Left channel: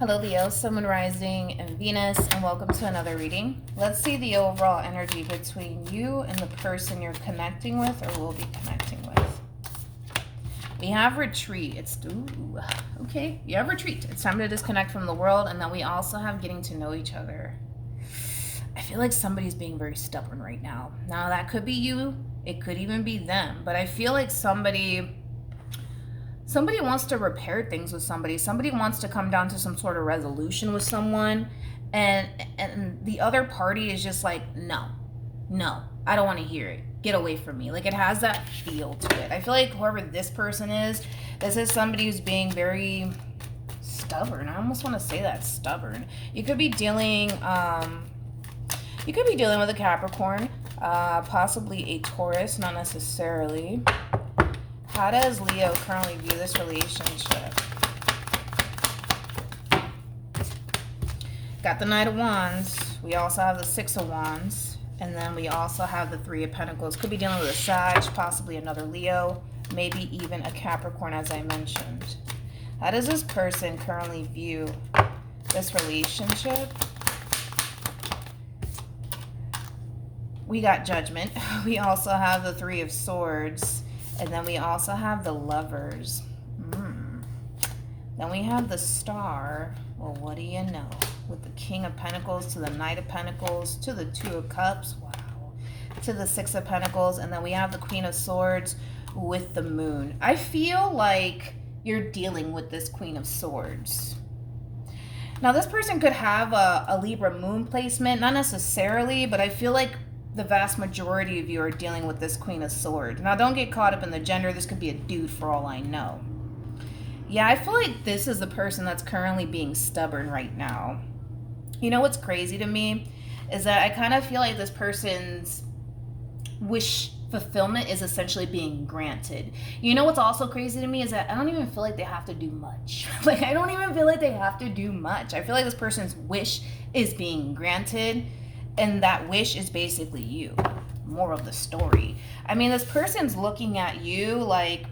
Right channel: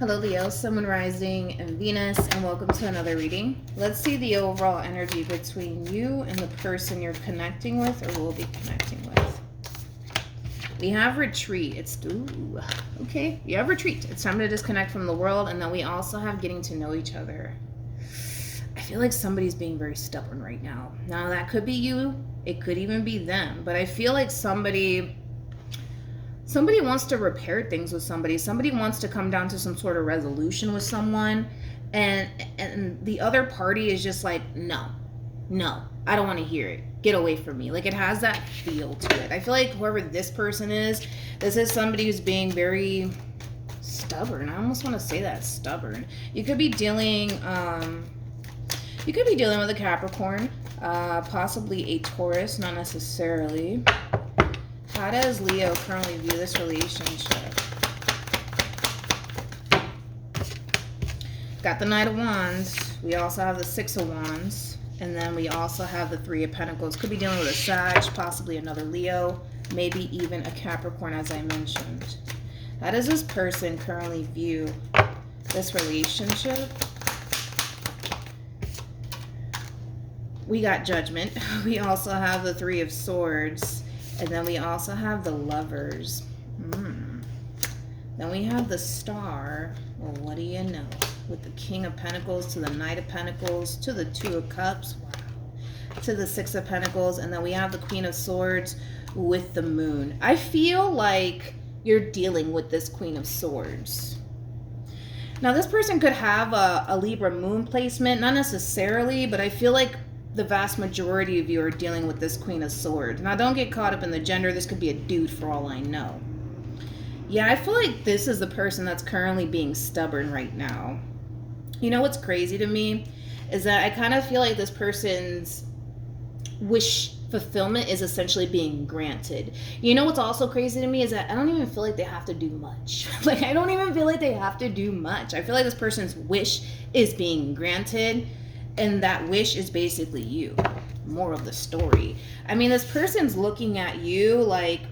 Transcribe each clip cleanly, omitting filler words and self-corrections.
Hello Leo, Sun, Moon, Rising, and Venus, and welcome to another reading. Let's see the overall energy between you and the person you're connecting with or will be connecting with. We have retreat. Okay, we have retreat. It's time to disconnect from the world, and then we also have getting to know each other. I feel like somebody's being very stubborn right now. Now that could be you, it could even be them, but I feel like somebody wants to repair things with somebody. Somebody wants to come down to some sort of resolution with someone. And the other party is just like, no, I don't want to hear it. Get away from me. Like, it has that feel to it. I feel like whoever this person is, this is somebody who's being very stubborn. I almost want to say that, stubborn. You could be dealing with a Capricorn, possibly a Taurus, not necessarily. How does Leo currently view this relationship? Got the Knight of Wands. We also have the Six of Wands. And then we also have the Three of Pentacles. Could be dealing with a Sag, possibly another Leo, maybe even a Capricorn, as I mentioned. How does this person currently view this relationship? We got Judgment. We also have the Three of Swords. And then we also have the Lovers. Then we have the Star. Well, what do you know? With the King of Pentacles to the Knight of Pentacles to the Two of Cups. Wow. To the Six of Pentacles. And then we have the Queen of Swords with the Moon. I feel like you're dealing with this Queen of Swords. Now, this person could have a Libra moon placement. Not necessarily, but I feel like the vast majority of you are dealing with this Queen of Swords. Now, don't get caught up in the gender. This could be a dude for all I know. Yeah, I feel like this is the person that's currently being stubborn right now. You know what's crazy to me? Is that I kind of feel like this person's wish fulfillment is essentially being granted. You know what's also crazy to me is that I don't even feel like they have to do much. Like, I don't even feel like they have to do much. I feel like this person's wish is being granted. And that wish is basically you. More of the story. I mean, this person's looking at you like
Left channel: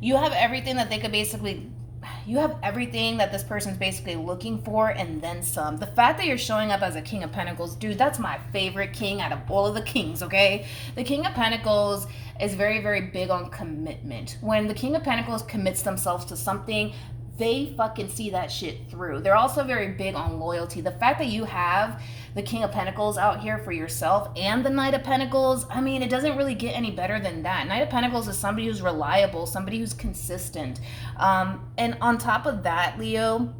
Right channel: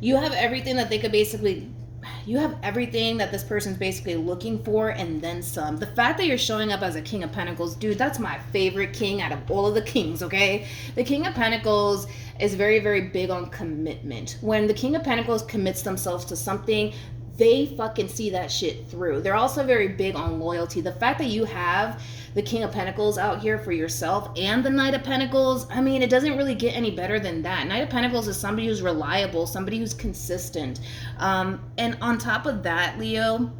you have everything that they could basically... You have everything that this person's basically looking for and then some. The fact that you're showing up as a King of Pentacles, dude, that's my favorite king out of all of the kings, okay? The King of Pentacles is very, very big on commitment. When the King of Pentacles commits themselves to something, they fucking see that shit through. They're also very big on loyalty. The fact that you have the King of Pentacles out here for yourself and the Knight of Pentacles, I mean, it doesn't really get any better than that. Knight of Pentacles is somebody who's reliable, somebody who's consistent. And on top of that, Leo,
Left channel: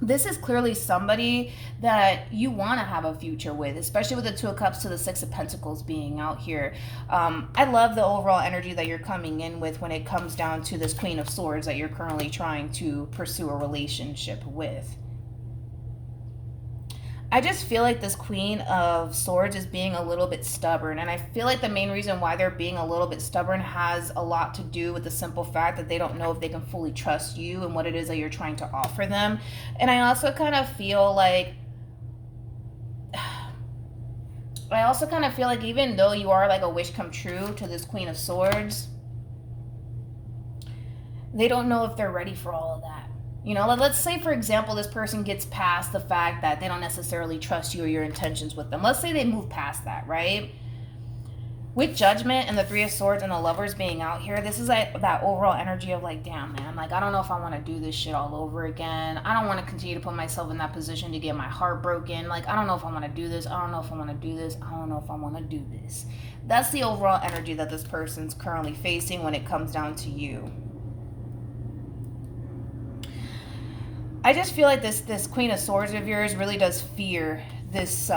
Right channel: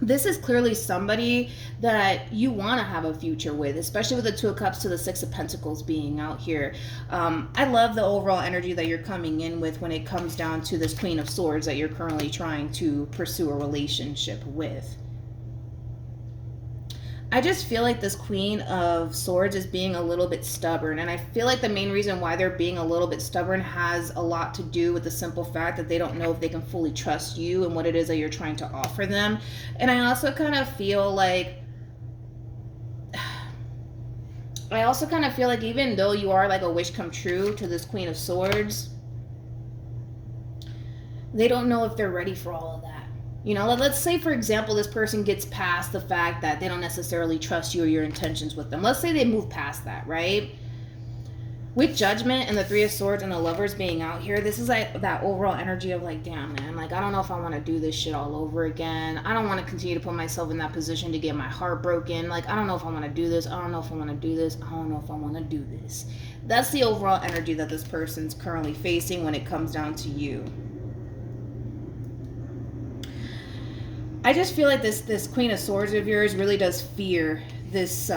this is clearly somebody that you want to have a future with, especially with the Two of Cups to the Six of Pentacles being out here. I love the overall energy that you're coming in with when it comes down to this Queen of Swords that you're currently trying to pursue a relationship with. I just feel like this Queen of Swords is being a little bit stubborn, and I feel like the main reason why they're being a little bit stubborn has a lot to do with the simple fact that they don't know if they can fully trust you and what it is that you're trying to offer them. And I also kind of feel like even though you are like a wish come true to this Queen of Swords, they don't know if they're ready for all of that. You know, let's say, for example, this person gets past the fact that they don't necessarily trust you or your intentions with them. Let's say they move past that, right? With Judgment and the Three of Swords and the Lovers being out here, this is like that overall energy of like, damn, man, like, I don't know if I want to do this shit all over again. I don't want to continue to put myself in that position to get my heart broken. Like, I don't know if I want to do this. I don't know if I want to do this. I don't know if I want to do this. That's the overall energy that this person's currently facing when it comes down to you. I just feel like this Queen of Swords of yours really does fear this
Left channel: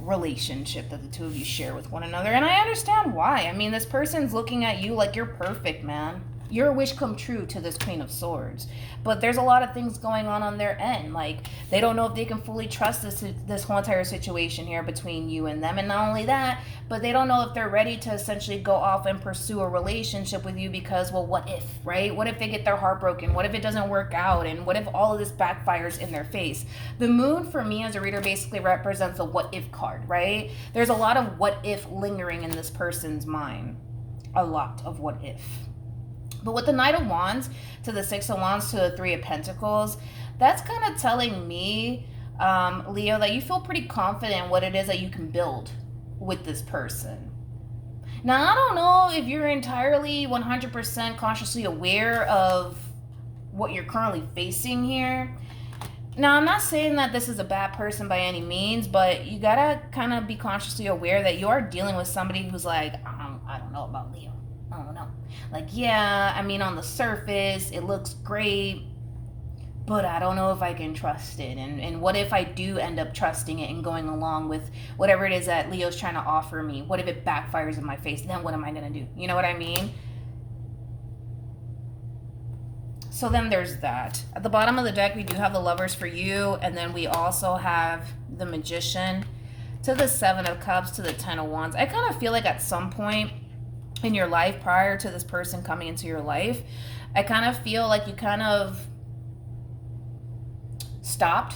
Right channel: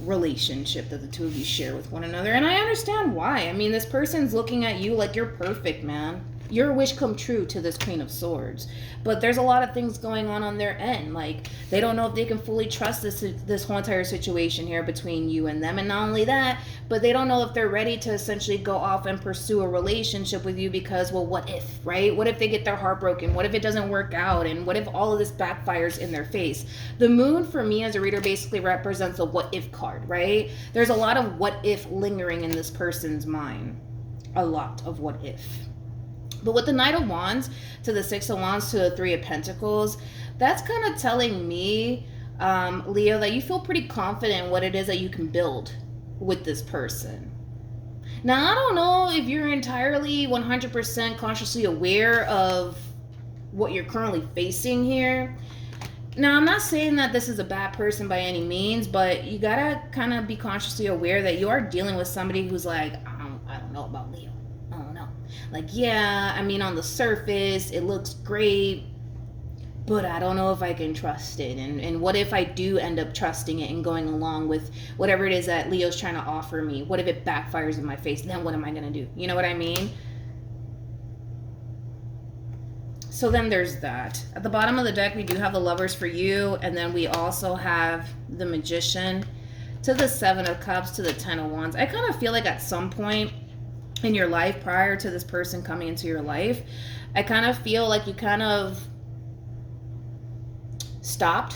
relationship that the two of you share with one another. And I understand why. I mean, this person's looking at you like you're perfect, man. You're a wish come true to this Queen of Swords. But there's a lot of things going on their end. Like, they don't know if they can fully trust this whole entire situation here between you and them. And not only that, but they don't know if they're ready to essentially go off and pursue a relationship with you because, well, what if, right? What if they get their heart broken? What if it doesn't work out? And what if all of this backfires in their face? The Moon, for me as a reader, basically represents a what if card, right? There's a lot of what if lingering in this person's mind. A lot of what if. But with the Knight of Wands to the Six of Wands to the Three of Pentacles, that's kind of telling me, Leo, that you feel pretty confident in what it is that you can build with this person. Now, I don't know if you're entirely 100% consciously aware of what you're currently facing here. Now, I'm not saying that this is a bad person by any means, but you gotta kind of be consciously aware that you are dealing with somebody who's like, I don't know about Leo. I don't know. Like, yeah, I mean, on the surface, it looks great, but I don't know if I can trust it. And what if I do end up trusting it and going along with whatever it is that Leo's trying to offer me? What if it backfires in my face? Then what am I going to do? You know what I mean? So then there's that. At the bottom of the deck, we do have the Lovers for you. And then we also have the Magician to the Seven of Cups to the Ten of Wands. I kind of feel like at some point in your life, prior to this person coming into your life, I kind of feel like you kind of stopped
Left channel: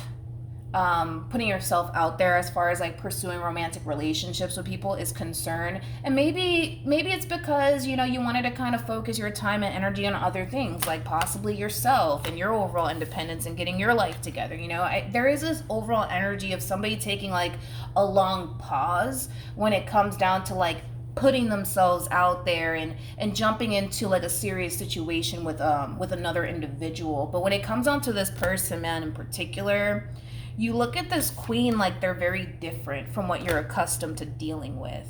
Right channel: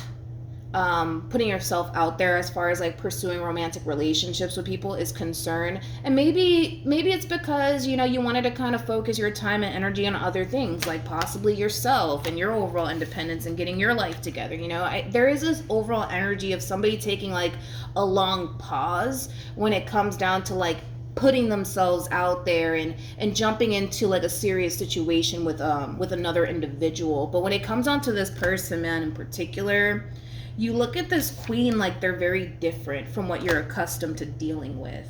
putting yourself out there as far as like pursuing romantic relationships with people is concerned. And maybe it's because, you know, you wanted to kind of focus your time and energy on other things, like possibly yourself and your overall independence and getting your life together. You know, there is this overall energy of somebody taking like a long pause when it comes down to like putting themselves out there and jumping into like a serious situation with another individual. But when it comes down to this person, man, in particular, you look at this Queen like they're very different from what you're accustomed to dealing with.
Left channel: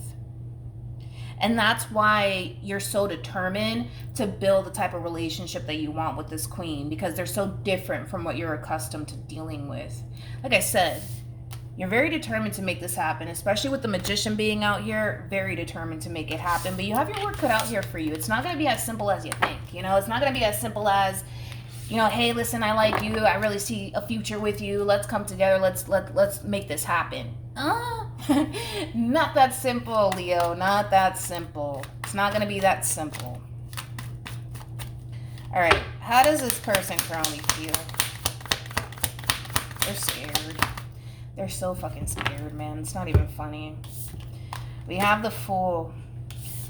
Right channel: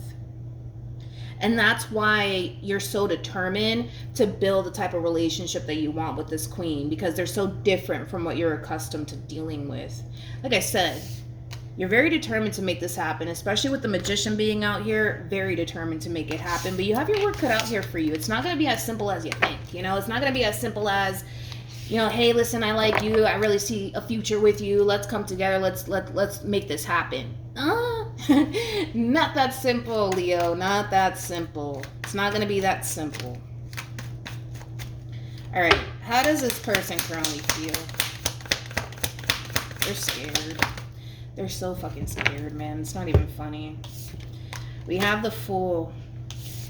And that's why you're so determined to build the type of relationship that you want with this Queen, because they're so different from what you're accustomed to dealing with. Like I said, you're very determined to make this happen, especially with the Magician being out here, very determined to make it happen. But you have your work cut out here for you. It's not going to be as simple as you think, you know? It's not going to be as simple as, you know, hey, listen, I like you. I really see a future with you. Let's come together. Let's make this happen. Not that simple, Leo. Not that simple. It's not going to be that simple. All right. How does this person currently feel? They're scared. They're so fucking scared, man. It's not even funny. We have the Fool.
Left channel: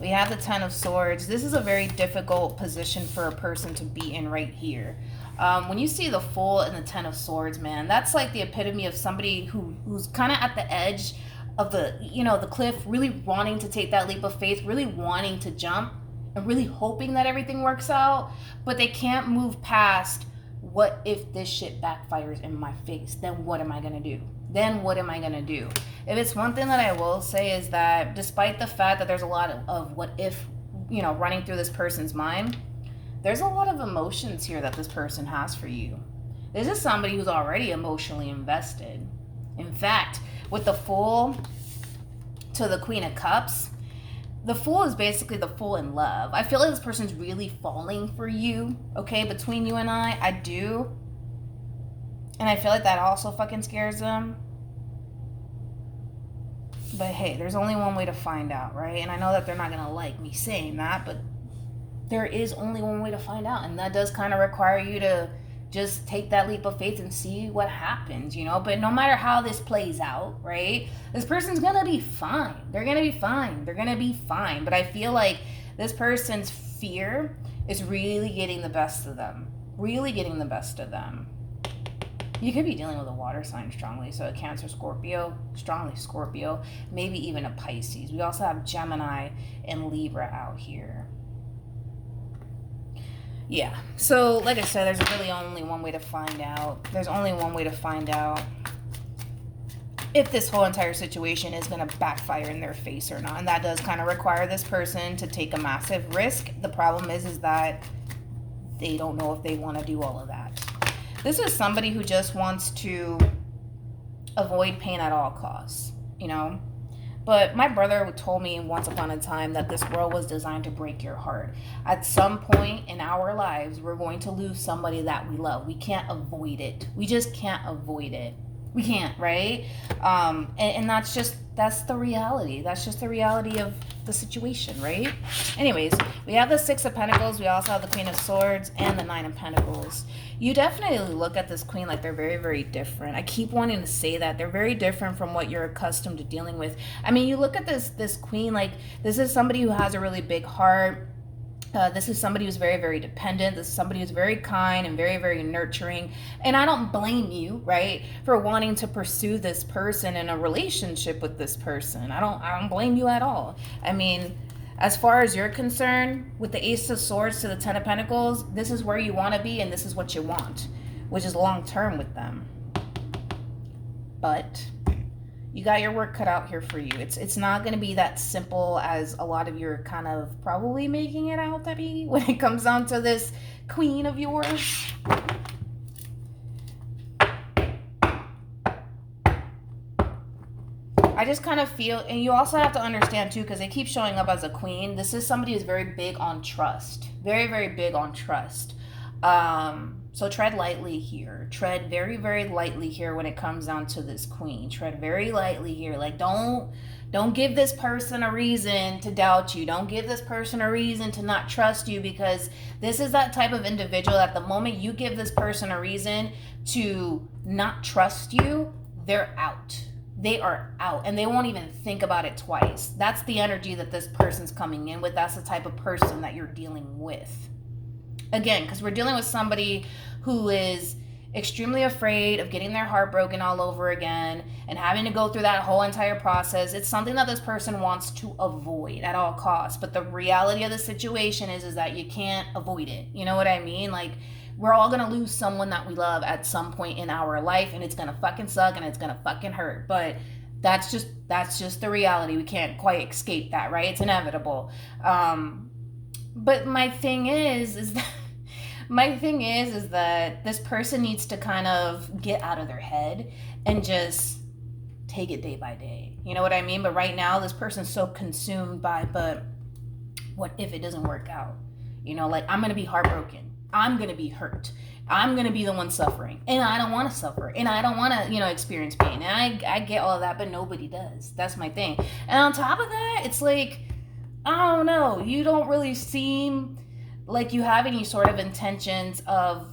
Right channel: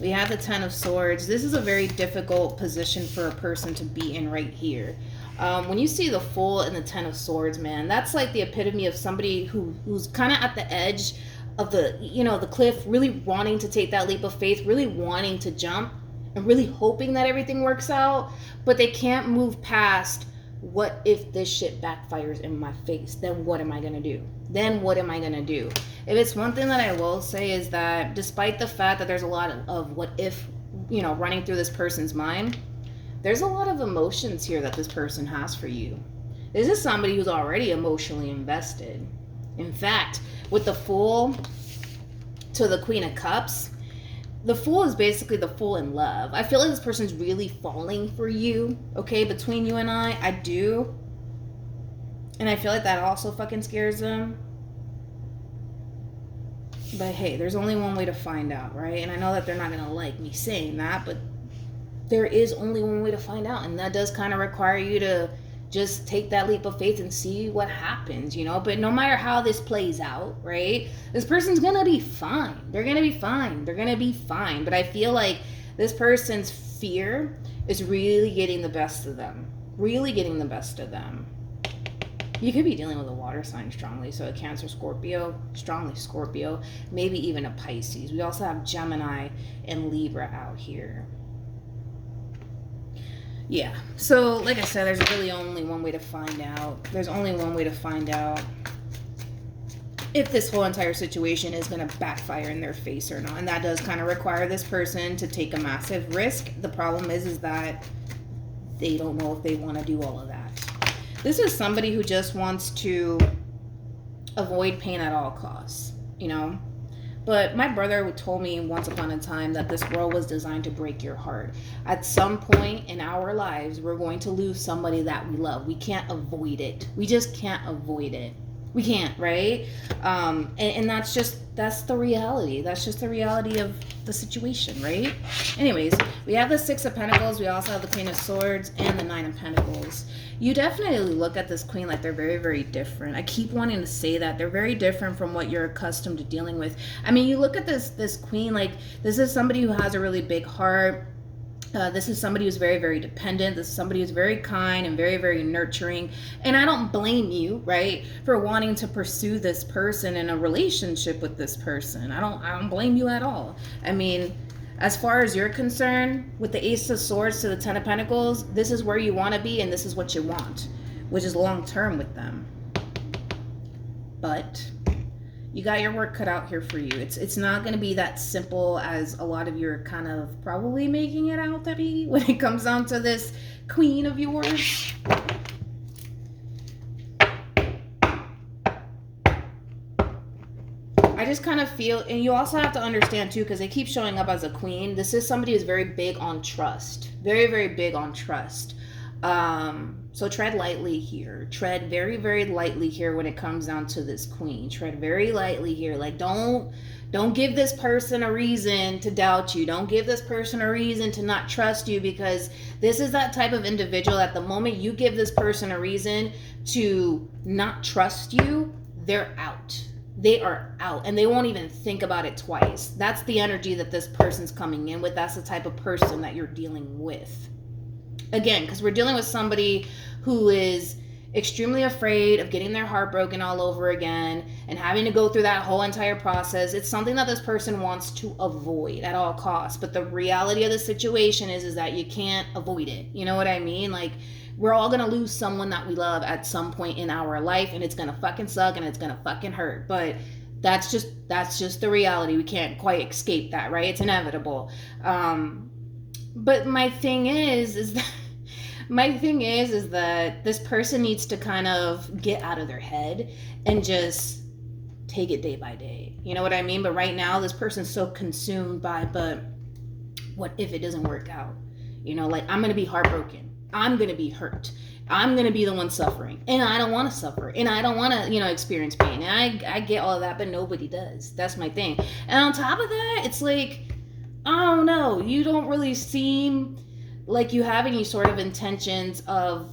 We have the Ten of Swords. This is a very difficult position for a person to be in right here. When you see the Fool and the Ten of Swords, man, that's like the epitome of somebody who's kind of at the edge of the, you know, the cliff, really wanting to take that leap of faith, really wanting to jump, and really hoping that everything works out, but they can't move past, what if this shit backfires in my face? Then what am I going to do? Then what am I going to do? If it's one thing that I will say is that despite the fact that there's a lot of what if, you know, running through this person's mind, there's a lot of emotions here that this person has for you. This is somebody who's already emotionally invested. In fact, with the Fool to the Queen of Cups, the Fool is basically the Fool in love. I feel like this person's really falling for you, okay? Between you and I do. And I feel like that also fucking scares them. But hey, there's only one way to find out, right? And I know that they're not gonna like me saying that, but there is only one way to find out. And that does kind of require you to just take that leap of faith and see what happens, you know? But no matter how this plays out, right? This person's gonna be fine. They're gonna be fine. They're gonna be fine. But I feel like this person's fear is really getting the best of them. Really getting the best of them. You could be dealing with a water sign strongly, so a Cancer, Scorpio, strongly Scorpio, maybe even a Pisces. We also have Gemini and Libra out here. Yeah, so like I said, there's really only one way to find out. There's only one way to find out if this whole entire situation is going to backfire in their face or not. And that does kind of require this person to take a massive risk. The problem is that they don't know if they want to do all of that. This is somebody who just wants to avoid pain at all costs, you know? But my brother told me once upon a time that this world was designed to break your heart. At some point in our lives, we're going to lose somebody that we love. We can't avoid it. We just can't avoid it. We can't, right? And that's the reality. That's just the reality of the situation, right? Anyways, we have the Six of Pentacles. We also have the Queen of Swords and the Nine of Pentacles. You definitely look at this Queen like they're very, very different. I keep wanting to say that. They're very different from what you're accustomed to dealing with. I mean, you look at this Queen like this is somebody who has a really big heart. This is somebody who's very, very dependent. This is somebody who's very kind and very, very nurturing. And I don't blame you, right, for wanting to pursue this person in a relationship with this person. I don't blame you at all. I mean, as far as you're concerned, with the Ace of Swords to the Ten of Pentacles, this is where you want to be and this is what you want, which is long term with them. But you got your work cut out here for you. It's not going to be that simple as a lot of you are kind of probably making it out to be when it comes down to this queen of yours. I just kind of feel, and you also have to understand too, because they keep showing up as a queen, this is somebody who's very big on trust. Very, very big on trust. So tread lightly here. Tread very, very lightly here when it comes down to this queen. Tread very lightly here. Like, don't give this person a reason to doubt you. Don't give this person a reason to not trust you, because this is that type of individual that the moment you give this person a reason to not trust you, they're out. They are out and they won't even think about it twice. That's the energy that this person's coming in with. That's the type of person that you're dealing with. Again, because we're dealing with somebody who is extremely afraid of getting their heart broken all over again and having to go through that whole entire process. It's something that this person wants to avoid at all costs. But the reality of the situation is that you can't avoid it. You know what I mean? Like, we're all going to lose someone that we love at some point in our life, and it's going to fucking suck and it's going to fucking hurt. But that's just the reality. We can't quite escape that, right? It's inevitable. But my thing is that this person needs to kind of get out of their head and just take it day by day. You know what I mean? But right now, this person's so consumed by, but what if it doesn't work out? You know, like, I'm going to be heartbroken. I'm going to be hurt. I'm going to be the one suffering. And I don't want to suffer. And I don't want to, experience pain. And I get all that, but nobody does. That's my thing. And on top of that, it's like, I don't know. You don't really seem like you have any sort of intentions of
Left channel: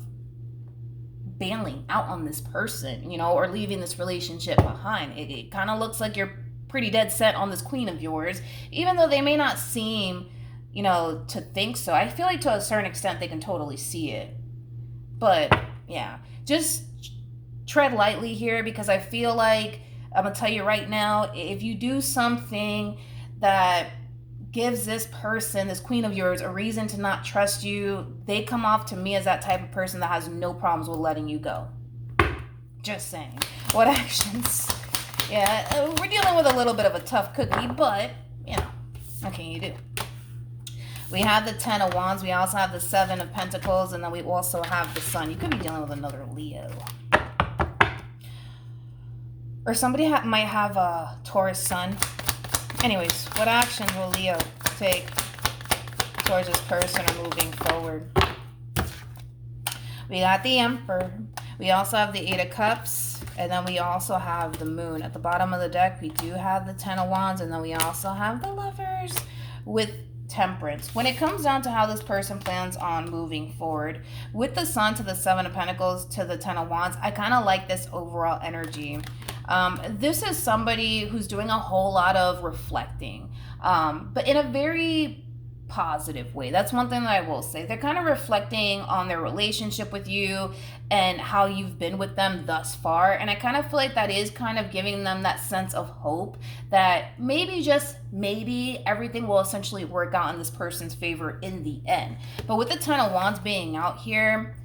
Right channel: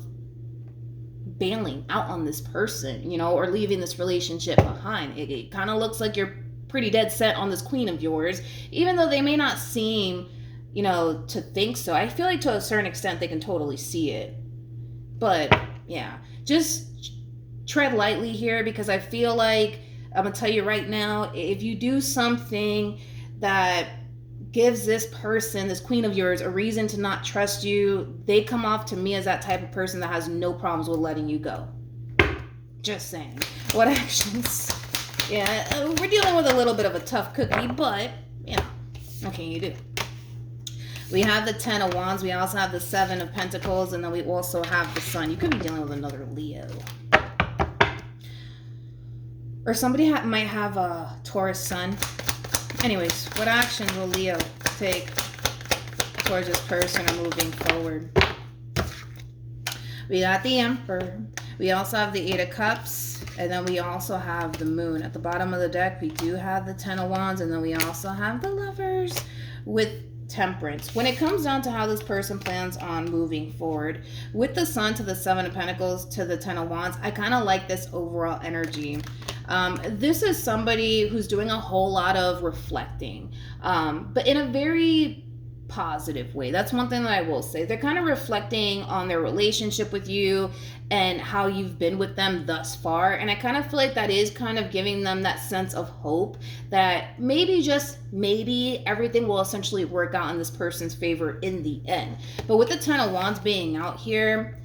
bailing out on this person, or leaving this relationship behind. It kind of looks like you're pretty dead set on this queen of yours, even though they may not seem, to think so. I feel like to a certain extent they can totally see it. But yeah, just tread lightly here, because I feel like, I'm going to tell you right now, if you do something that gives this person, this queen of yours, a reason to not trust you, they come off to me as that type of person that has no problems with letting you go. Just saying. What actions? Yeah, we're dealing with a little bit of a tough cookie, but, what can you do? We have the 10 of Wands. We also have the 7 of Pentacles, and then we also have the Sun. You could be dealing with another Leo. Or somebody might have a Taurus Sun. Anyways, what action will Leo take towards this person moving forward? We got the Emperor. We also have the 8 of Cups. And then we also have the Moon. At the bottom of the deck, we do have the 10 of Wands. And then we also have the Lovers with Temperance. When it comes down to how this person plans on moving forward, with the Sun to the 7 of Pentacles to the 10 of Wands, I kind of like this overall energy. This is somebody who's doing a whole lot of reflecting, but in a very positive way. That's one thing that I will say. They're kind of reflecting on their relationship with you and how you've been with them thus far. And I kind of feel like that is kind of giving them that sense of hope that maybe, just maybe, everything will essentially work out in this person's favor in the end. But with the 10 of Wands being out here,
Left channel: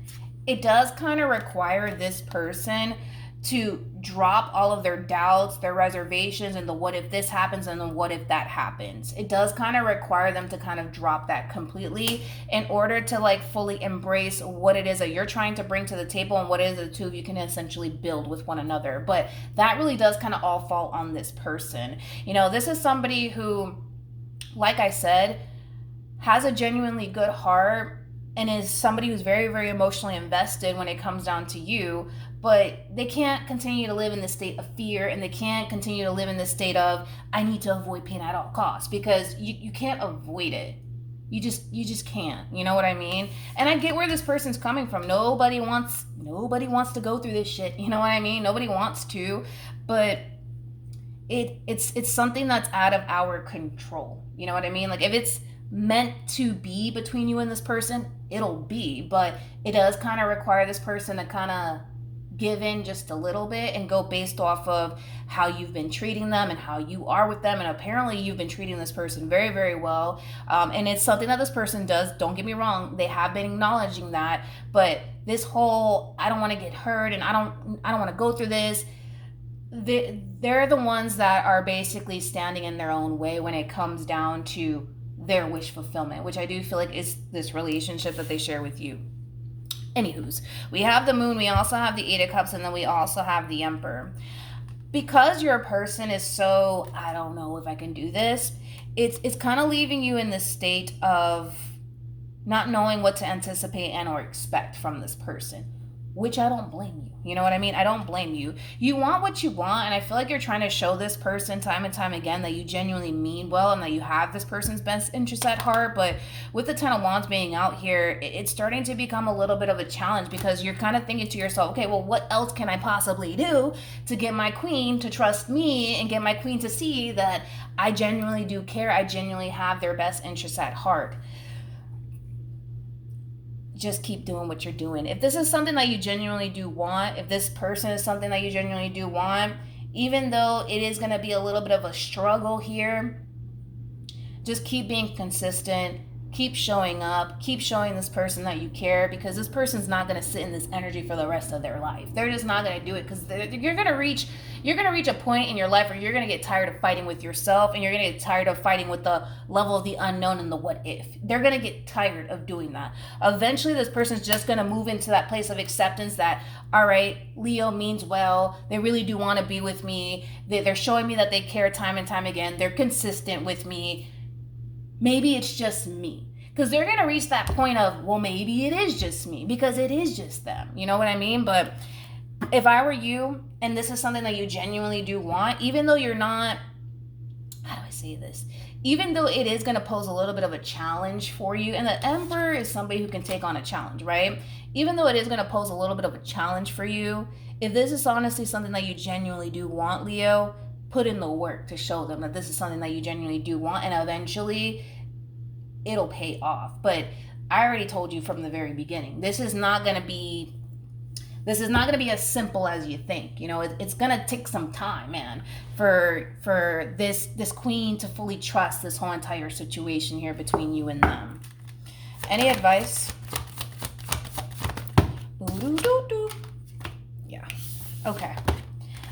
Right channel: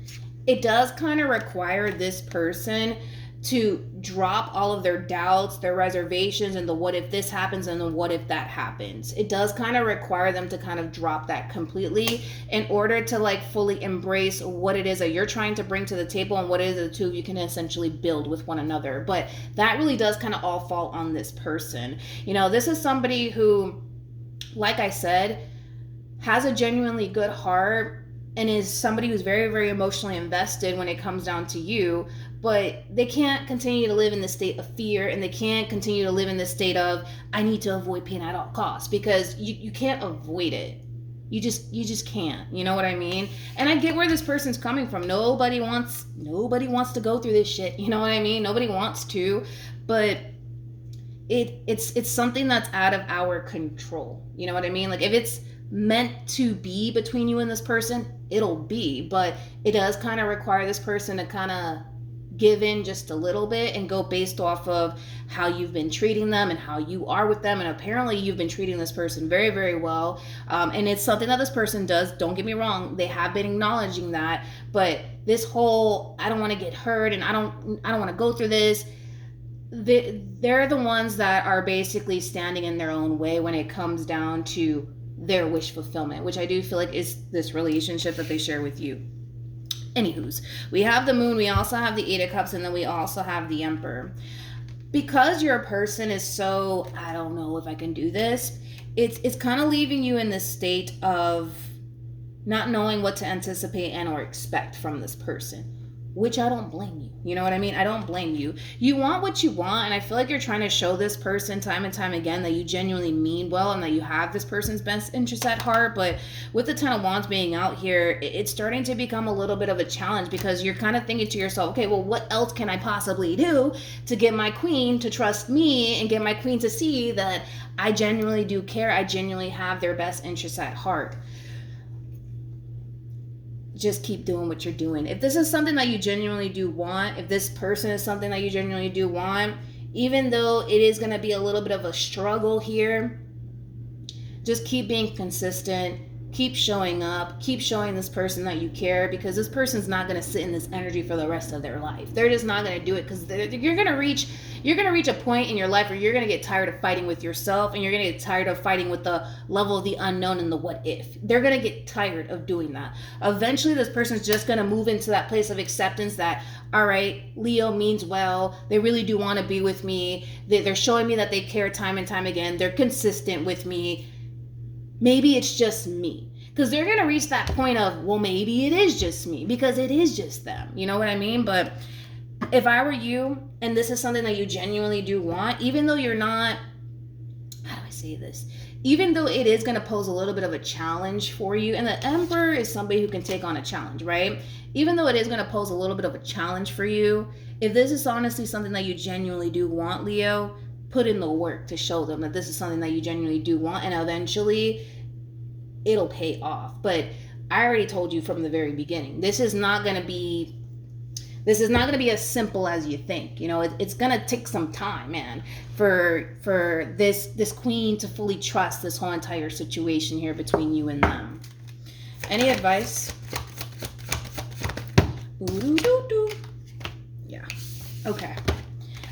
it does kind of require this person to drop all of their doubts, their reservations, and the what if this happens and the what if that happens. It does kind of require them to kind of drop that completely in order to fully embrace what it is that you're trying to bring to the table and what it is that the two of you can essentially build with one another. But that really does kind of all fall on this person. This is somebody who, like I said, has a genuinely good heart and is somebody who's very, very emotionally invested when it comes down to you. But they can't continue to live in this state of fear, and they can't continue to live in this state of, I need to avoid pain at all costs, because you can't avoid it. You just can't. You know what I mean? And I get where this person's coming from. Nobody wants to go through this shit. You know what I mean? Nobody wants to, but it's something that's out of our control. You know what I mean? Like, if it's meant to be between you and this person, it'll be. But it does kind of require this person to kind of give in just a little bit and go based off of how you've been treating them and how you are with them. And apparently you've been treating this person very, very well. And it's something that this person does. Don't get me wrong. They have been acknowledging that. But this whole, I don't want to get hurt and I don't want to go through this. They're the ones that are basically standing in their own way when it comes down to their wish fulfillment, which I do feel like is this relationship that they share with you. Anywho's, we have the Moon, we also have the Eight of Cups, and then we also have the Emperor. Because your person is so, I don't know if I can do this, it's kind of leaving you in this state of not knowing what to anticipate and or expect from this person, which I don't blame you. You know what I mean? I don't blame you. You want what you want, and I feel like you're trying to show this person time and time again that you genuinely mean well and that you have this person's best interest at heart. But with the Ten of Wands being out here, it's starting to become a little bit of a challenge because you're kind of thinking to yourself, okay, well, what else can I possibly do to get my queen to trust me and get my queen to see that I genuinely do care, I genuinely have their best interests at heart? Just keep doing what you're doing. If this is something that you genuinely do want, if this person is something that you genuinely do want, even though it is going to be a little bit of a struggle here, just keep being consistent, keep showing up, keep showing this person that you care, because this person's not going to sit in this energy for the rest of their life. They're just not going to do it, because you're going to reach a point in your life where you're going to get tired of fighting with yourself, and you're going to get tired of fighting with the level of the unknown and the what if. They're going to get tired of doing that. Eventually, this person's just going to move into that place of acceptance that, all right, Leo means well. They really do want to be with me. They're showing me that they care time and time again. They're consistent with me. Maybe it's just me. Because they're going to reach that point of, well, maybe it is just me, because it is just them. You know what I mean? But if I were you, and this is something that you genuinely do want, even though you're not, how do I say this? Even though it is going to pose a little bit of a challenge for you, and the Emperor is somebody who can take on a challenge, right? Even though it is going to pose a little bit of a challenge for you, if this is honestly something that you genuinely do want, Leo, put in the work to show them that this is something that you genuinely do want, and eventually it'll pay off. But I already told you from the very beginning, this is not going to be as simple as you think. You know, it's going to take some time, man, for this queen to fully trust this whole entire situation here between you and them. Any advice? Yeah. Okay.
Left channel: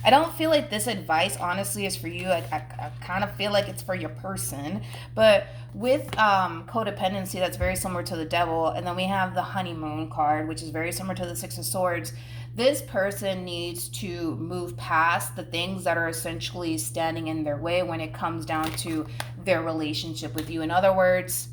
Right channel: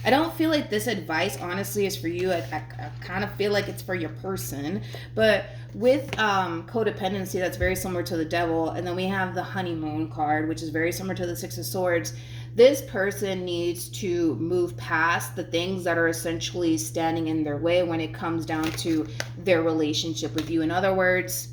I don't feel like this advice, honestly, is for you. I kind of feel like it's for your person. But with codependency, that's very similar to the Devil. And then we have the Honeymoon card, which is very similar to the Six of Swords. This person needs to move past the things that are essentially standing in their way when it comes down to their relationship with you. In other words,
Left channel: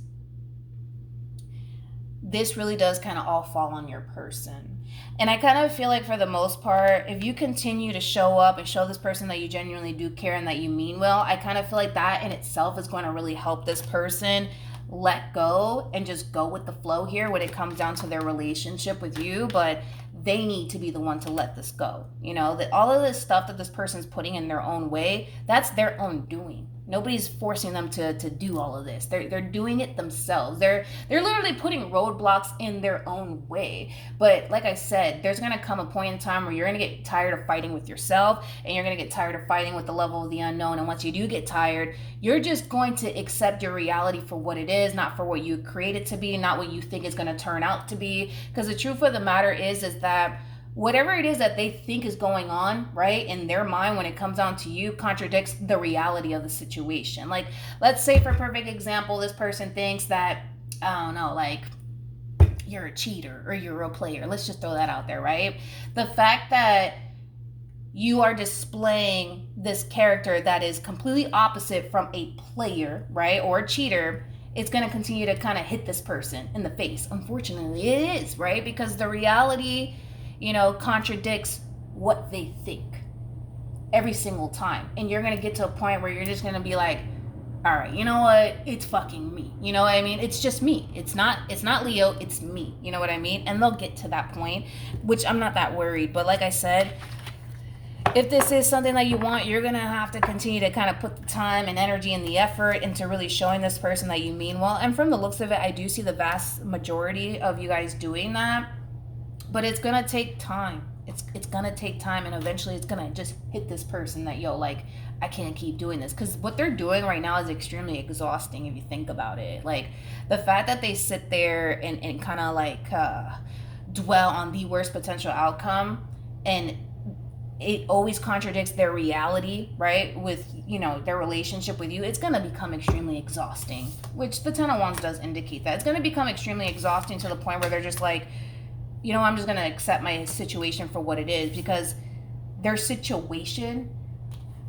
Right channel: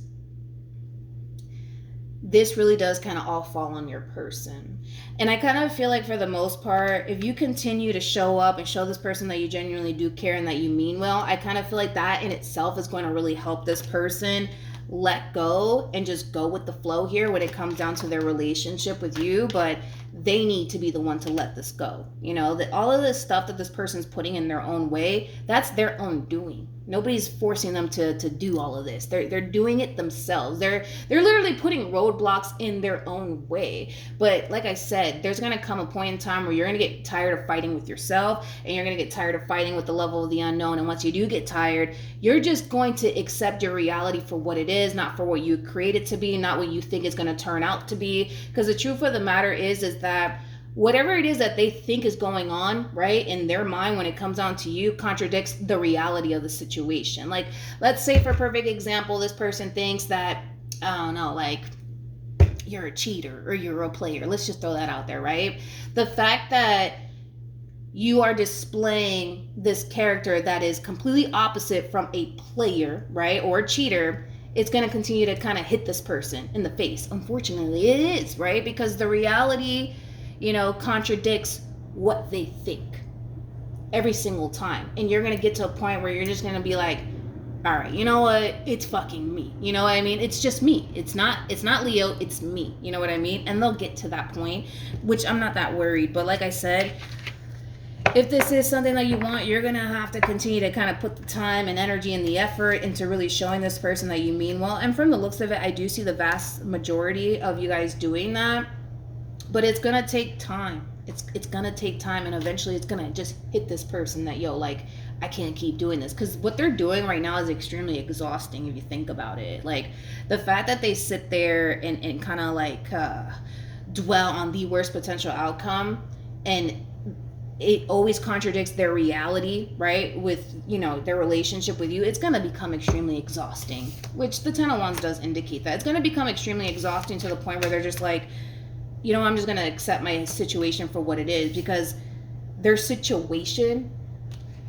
this really does kind of all fall on your person. And I kind of feel like for the most part, if you continue to show up and show this person that you genuinely do care and that you mean well, I kind of feel like that in itself is going to really help this person let go and just go with the flow here when it comes down to their relationship with you. But they need to be the one to let this go. You know, that all of this stuff that this person's putting in their own way, that's their own doing. Nobody's forcing them to do all of this. They're doing it themselves. They're literally putting roadblocks in their own way. But like I said, there's going to come a point in time where you're going to get tired of fighting with yourself, and you're going to get tired of fighting with the level of the unknown. And once you do get tired, you're just going to accept your reality for what it is, not for what you create it to be, not what you think it's going to turn out to be. Because the truth of the matter is that whatever it is that they think is going on, right, in their mind when it comes down to you contradicts the reality of the situation. Like, let's say for a perfect example, this person thinks that, I don't know, like, you're a cheater or you're a role player. Let's just throw that out there, right? The fact that you are displaying this character that is completely opposite from a player, right, or a cheater, it's going to continue to kind of hit this person in the face. Unfortunately, it is, right? Because the reality, you know, contradicts what they think every single time. And you're going to get to a point where you're just going to be like, all right, you know what? It's fucking me. You know what I mean? It's just me. It's not Leo. It's me. You know what I mean? And they'll get to that point, which I'm not that worried. But like I said, if this is something that you want, you're going to have to continue to kind of put the time and energy and the effort into really showing this person that you mean well. And from the looks of it, I do see the vast majority of you guys doing that. But it's going to take time. It's going to take time, and eventually it's going to just hit this person that, yo, like, I can't keep doing this. Because what they're doing right now is extremely exhausting if you think about it. Like, the fact that they sit there and kind of like dwell on the worst potential outcome, and it always contradicts their reality, right? With, you know, their relationship with you, it's going to become extremely exhausting, which the Ten of Wands does indicate that. It's going to become extremely exhausting to the point where they're just like, you know, I'm just going to accept my situation for what it is, because their situation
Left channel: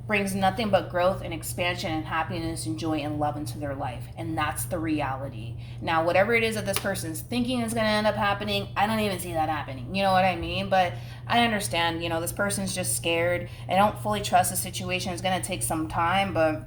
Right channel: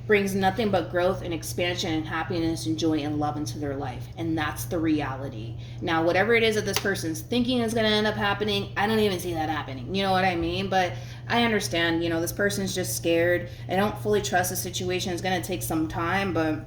brings nothing but growth and expansion and happiness and joy and love into their life. And that's the reality. Now, whatever it is that this person's thinking is going to end up happening, I don't even see that happening. You know what I mean? But I understand, you know, this person's just scared. I don't fully trust the situation. It's going to take some time, but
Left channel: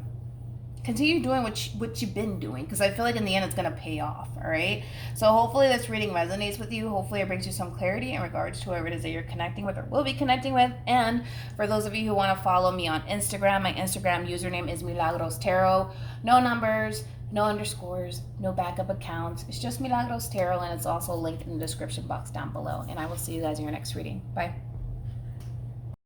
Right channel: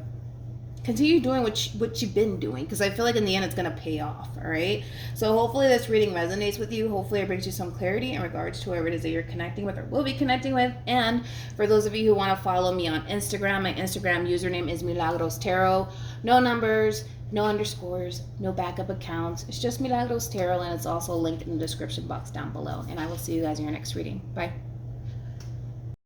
continue doing what you've been doing, because I feel like in the end it's going to pay off. All right, so hopefully this reading resonates with you. Hopefully it brings you some clarity in regards to whoever it is that you're connecting with or will be connecting with. And for those of you who want to follow me on Instagram, my Instagram username is MilagrosTarot. No numbers, no underscores, no backup accounts. It's just MilagrosTarot, and it's also linked in the description box down below. And I will see you guys in your next reading. Bye.